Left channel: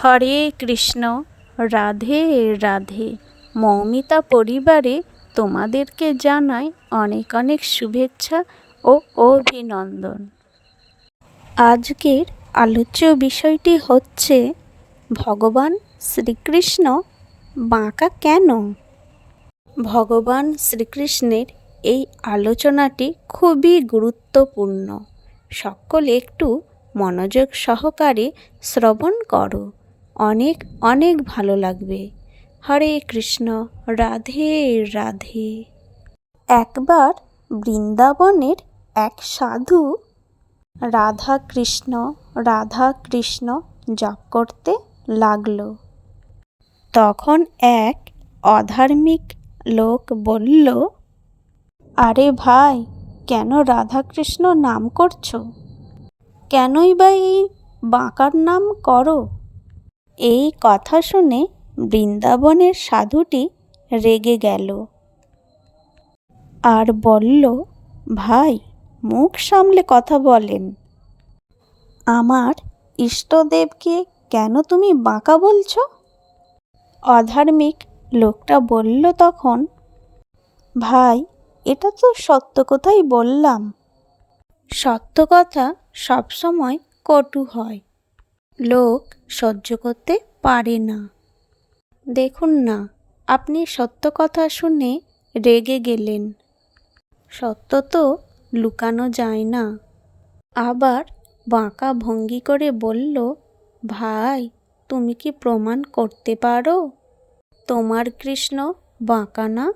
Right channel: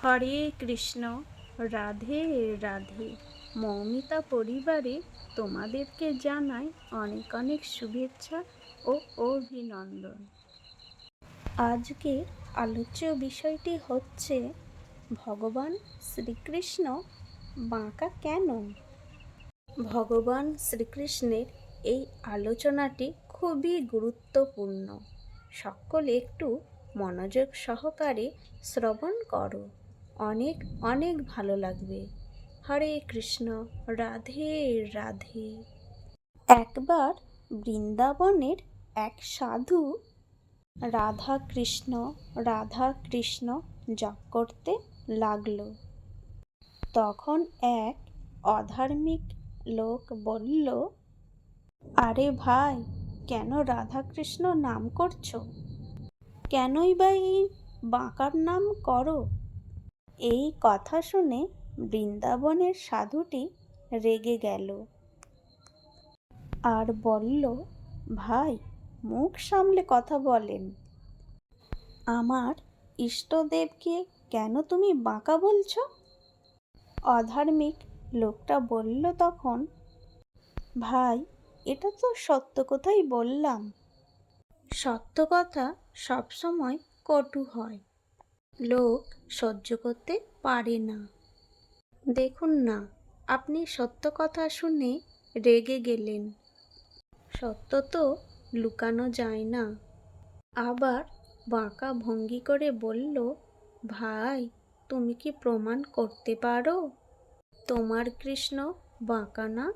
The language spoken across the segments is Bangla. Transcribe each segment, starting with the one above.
হরে কৃষ্ণ, রাধে রাধে। মৌমিতা পরিবারে তোমাদেরকে জানাই অনেক অনেক শুভেচ্ছা ও অভিনন্দন। আজকের আলোচ্য বিষয়টি হচ্ছে, ভগবান শ্রীকৃষ্ণ বাঁকা কেন? ভগবান শ্রীকৃষ্ণের এই আলোচনাটি খুবই গুরুত্বপূর্ণ। সকলে একটু মনোযোগ সহকারে শ্রবণ করো। অনেক অনেক ভালো লাগবে। হরে কৃষ্ণ, রাধে রাধে। একবার বৃন্দাবনের এক সাধু রাধা কৃষ্ণ রাধা কৃষ্ণ জপ করতে লাগল। তখন এক অধার্মিক লোক বলল, আরে ভাই, কেন রাধাকৃষ্ণ নাম করছ? কেনই বা এই বাঁকার নাম করো? এই কথা শুনে বৃন্দাবনের সাধুটি রেগে গেল। আর বলল, ভাই, মুখ সামলে কথা বলেন। আমার ইষ্টদেবকে কেন তুমি বাঁকা বলছো? অধার্মিক লোকটা বলল তখন, ভাই, এটা তো সত্য কথাই বললাম। সত্য কথা সবসময় কটু হয়। লোক সহ্য করতে পারে না। দেখুন না, আপনি সত্য কথা শুনে রেগে গেলেন। সত্য তো লুকানো যায় না। আবার বাঁকা ভঙ্গি করে বলল, ভাই, তুমি কি প্রমাণ করতে পারো? তোমার কৃষ্ণ বাঁকা না?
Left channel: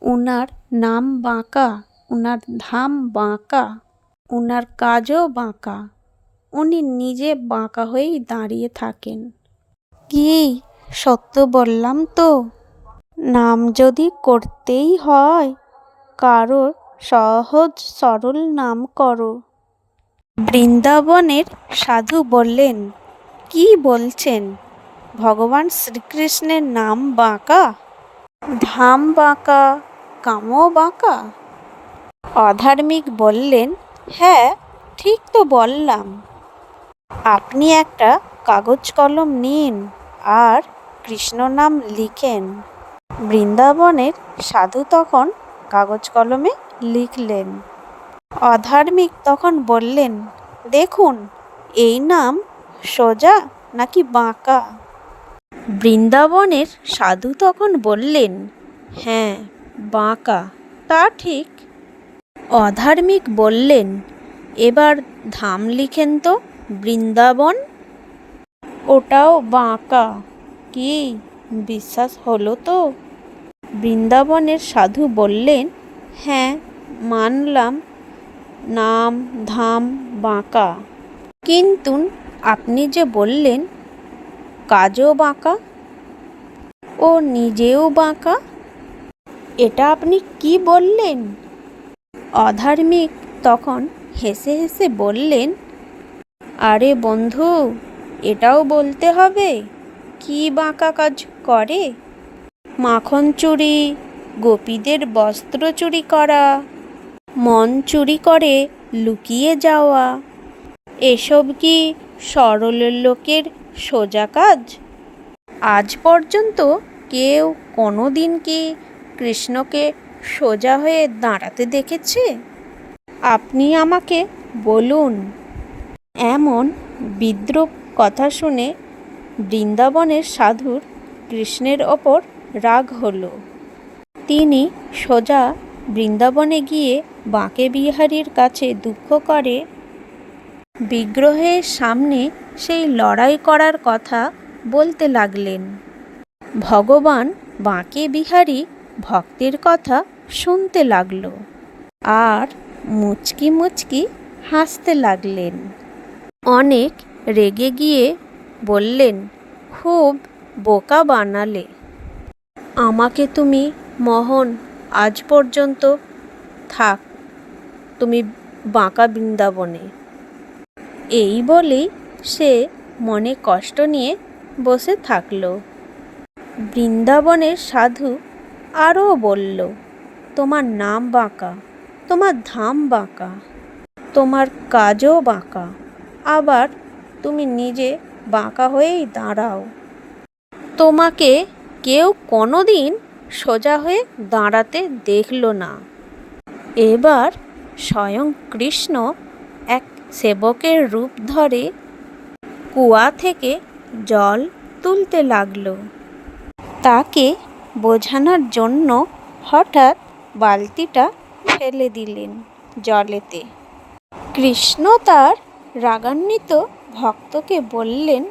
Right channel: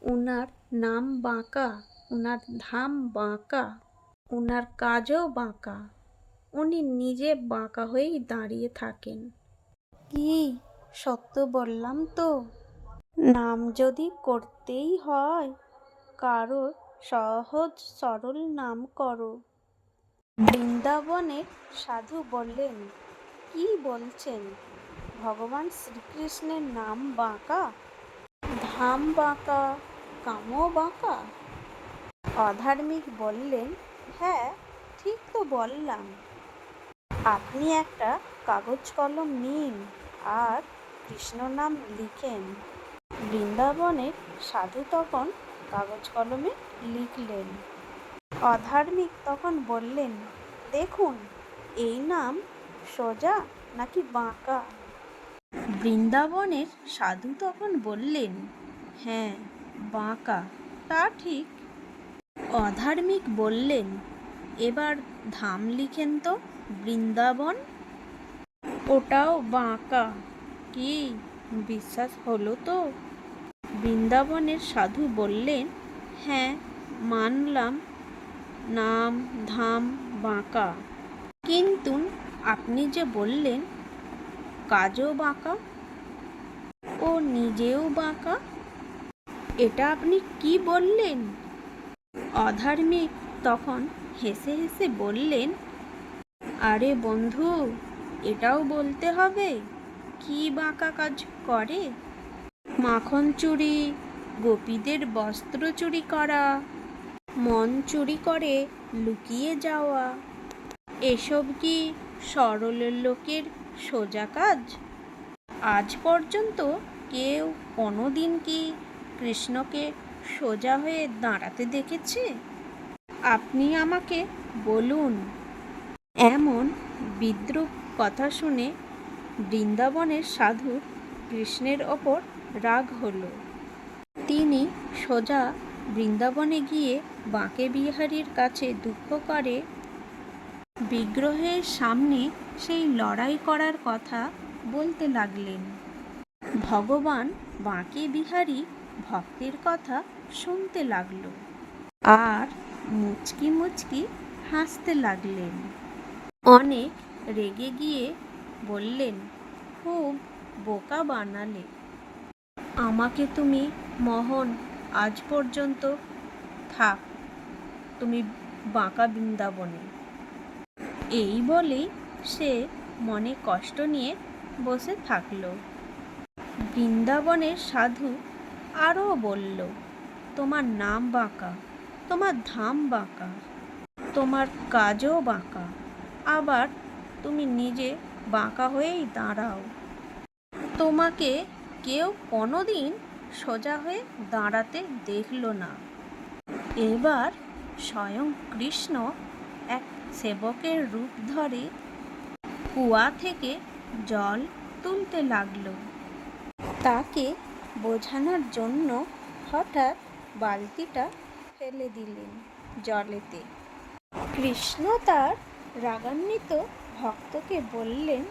উনার নাম বাঁকা, উনার ধাম বাঁকা, উনার কাজও বাঁকা। উনি নিজে বাঁকা হয়েই দাঁড়িয়ে থাকেন। কি সত্য বললাম তো? নাম যদি করতেই হয়, কারোর সহজ সরল নাম করো। বৃন্দাবনের সাধু বললেন, কি বলছেন? ভগবান শ্রীকৃষ্ণের নাম বাঁকা? ধাম বাঁকা, কামও বাঁকা? অধার্মিক বললেন হ্যাঁ ঠিক তো বললাম। আপনি একটা কাগজ কলম নিন আর কৃষ্ণ নাম লিখেন। বৃন্দাবনের সাধু তখন কাগজ কলমে লিখলেন। অধার্মিক তখন বললেন, দেখুন, এই নাম সোজা নাকি বাঁকা? বৃন্দাবনের সাধু তখন বললেন হ্যাঁ বাঁকা। তা ঠিক। অধার্মিক বললেন, এবার ধাম লিখেন তো। বৃন্দাবন? ওটাও বাঁকা। কি বিশ্বাস হলো তো? বৃন্দাবনের সাধু বললেন হ্যাঁ মানলাম। নাম, ধাম, বাঁকা। কিন্তু আপনি যে বললেন, কাজও বাঁকা। ও নিজেও বাঁকা। এটা আপনি কি বললেন? অধার্মিক তখন হেসে হেসে বললেন আরে বন্ধু, এটাও বলতে হবে, কি বাঁকা কাজ করে? মাখন চুরি, গোপীদের বস্ত্র চুরি করা, মন চুরি করে লুকিয়ে যাওয়া, এসব কি সরল লোকের সোজা কাজ? আজ পর্যন্ত কেউ কোনো দিন কি কৃষ্ণকে সোজা হয়ে দাঁড়াতে দেখেছে? আপনি আমাকে বলুন। এমন বিদ্রুপ কথা শুনে বৃন্দাবনের সাধুর কৃষ্ণের ওপর রাগ হল। তিনি সোজা বৃন্দাবনে গিয়ে বাঁকে বিহারীর কাছে দুঃখ করে, বিগ্রহের সামনে সেই লড়াই করার কথা বলতে লাগলেন। ভগবান বাঁকে বিহারী ভক্তের কথা শুনতে লাগল আর মুচকি মুচকি হাসতে লাগলেন। অনেক রেগে গিয়ে বললেন, খুব বোকা বানালে। আমাকে তুমি মহন, আজ পর্যন্ত থাক, তুমি বাঁকা বৃন্দাবনে এই বলেই সে মনে কষ্ট নিয়ে বসে থাকল। বৃন্দাবনের সাধু আরও বলল, তোমার নাম বাঁকা, তোমার ধাম বাঁকা, তোমার কাজও বাঁকা। আবার তুমি নিজে বাঁকা হয়েই দাঁড়াও। তোমাকে কেউ কোনো দিন সোজা হয়ে দাঁড়াতে দেখল না। এবার স্বয়ং কৃষ্ণ এক সেবকের রূপ ধরে কুয়া থেকে জল তুলতে লাগল। তাকে বোঝানোর জন্য হঠাৎ বালতিটা ফেলে দিলেন জলেতে। কৃষ্ণ তার রাগান্বিত ভক্তকে বললেন,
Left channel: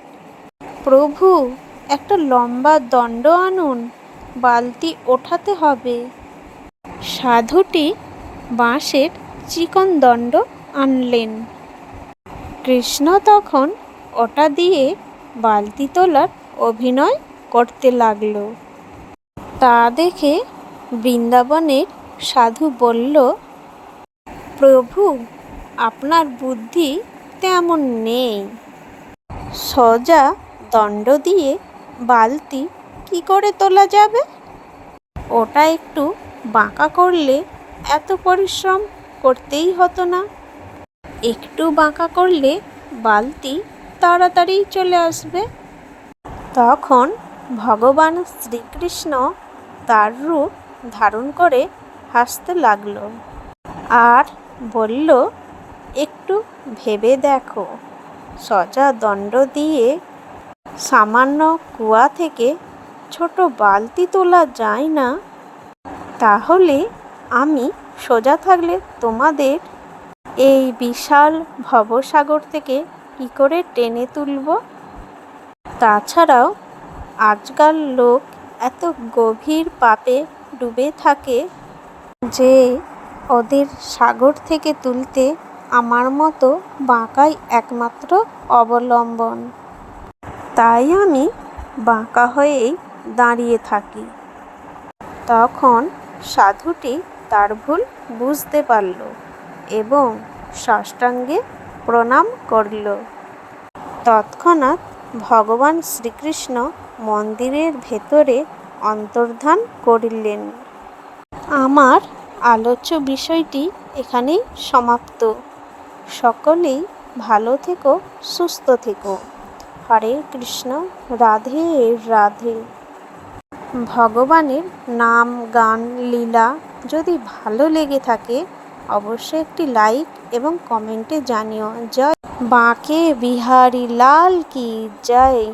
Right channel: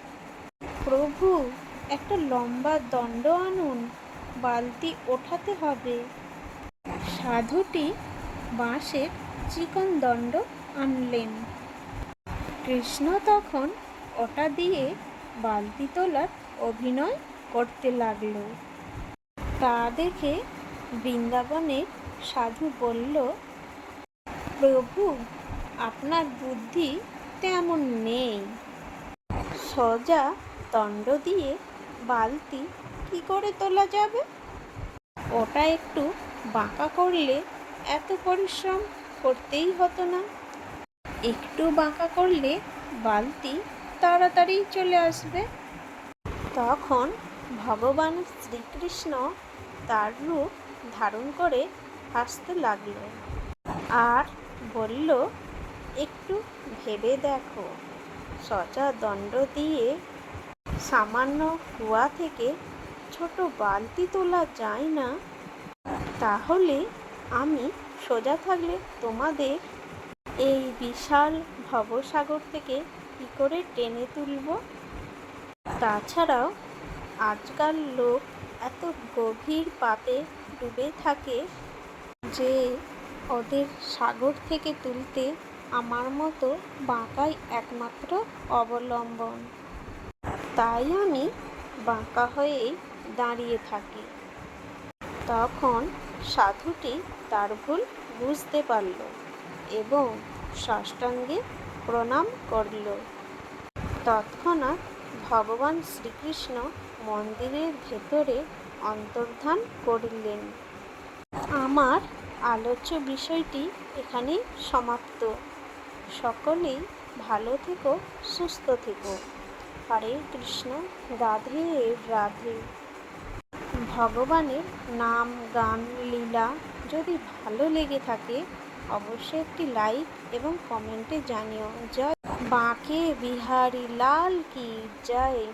প্রভু, একটা লম্বা দণ্ড আনুন, বালতি ওঠাতে হবে। সাধুটি বাঁশের চিকন দণ্ড আনলেন। কৃষ্ণ তখন ওটা দিয়ে বালতি তোলার অভিনয় করতে লাগল। তা দেখে বৃন্দাবনের সাধু বলল, প্রভু, আপনার বুদ্ধি তেমন নেই। সোজা দণ্ড দিয়ে বালতি কি করে তোলা যাবে? ওটা একটু বাঁকা করলে এত পরিশ্রম করতেই হতো না। একটু বাঁকা করলে বালতি তাড়াতাড়ি চলে আসবে। তখন ভগবান শ্রীকৃষ্ণ তার রূপ ধারণ করে হাসতে লাগল আর বলল একটু ভেবে দেখো। সজা দণ্ড দিয়ে সামান্য কুয়া থেকে ছোট বালতি তোলা যায় না? তাহলে আমি সোজা থাকলে তোমাদের এই বিশাল ভবসাগর থেকে কী করে টেনে তুলব? তাছাড়াও আজকাল লোক এত গভীর পাপে ডুবে থাকে যে ওদের সাগর থেকে তুলতে আমার মতো বাঁকাই একমাত্র অবলম্বন। তাই আমি বাঁকা হয়েই দাঁড়িয়ে থাকি। তখন সাধুটি তার ভুল বুঝতে পারল এবং সাষ্টাঙ্গে প্রণাম করল। তৎক্ষণাৎ ভগবান শ্রীকৃষ্ণ মন্দিরের ভেতরে অন্তর্ধান করিলেন। আমার আলোচ্য বিষয়টি এখানেই সমাপ্ত। সকলেই ভালো থেকো, সুস্থ থেকো। হরে কৃষ্ণ, রাধে রাধে। ভগবানের নাম, গান, লীলা যদি ভালো লেগে থাকে, অবশ্যই একটি লাইক এবং কমেন্টে জানিও। জয় বাঁকে বিহারি লাল কি জয়।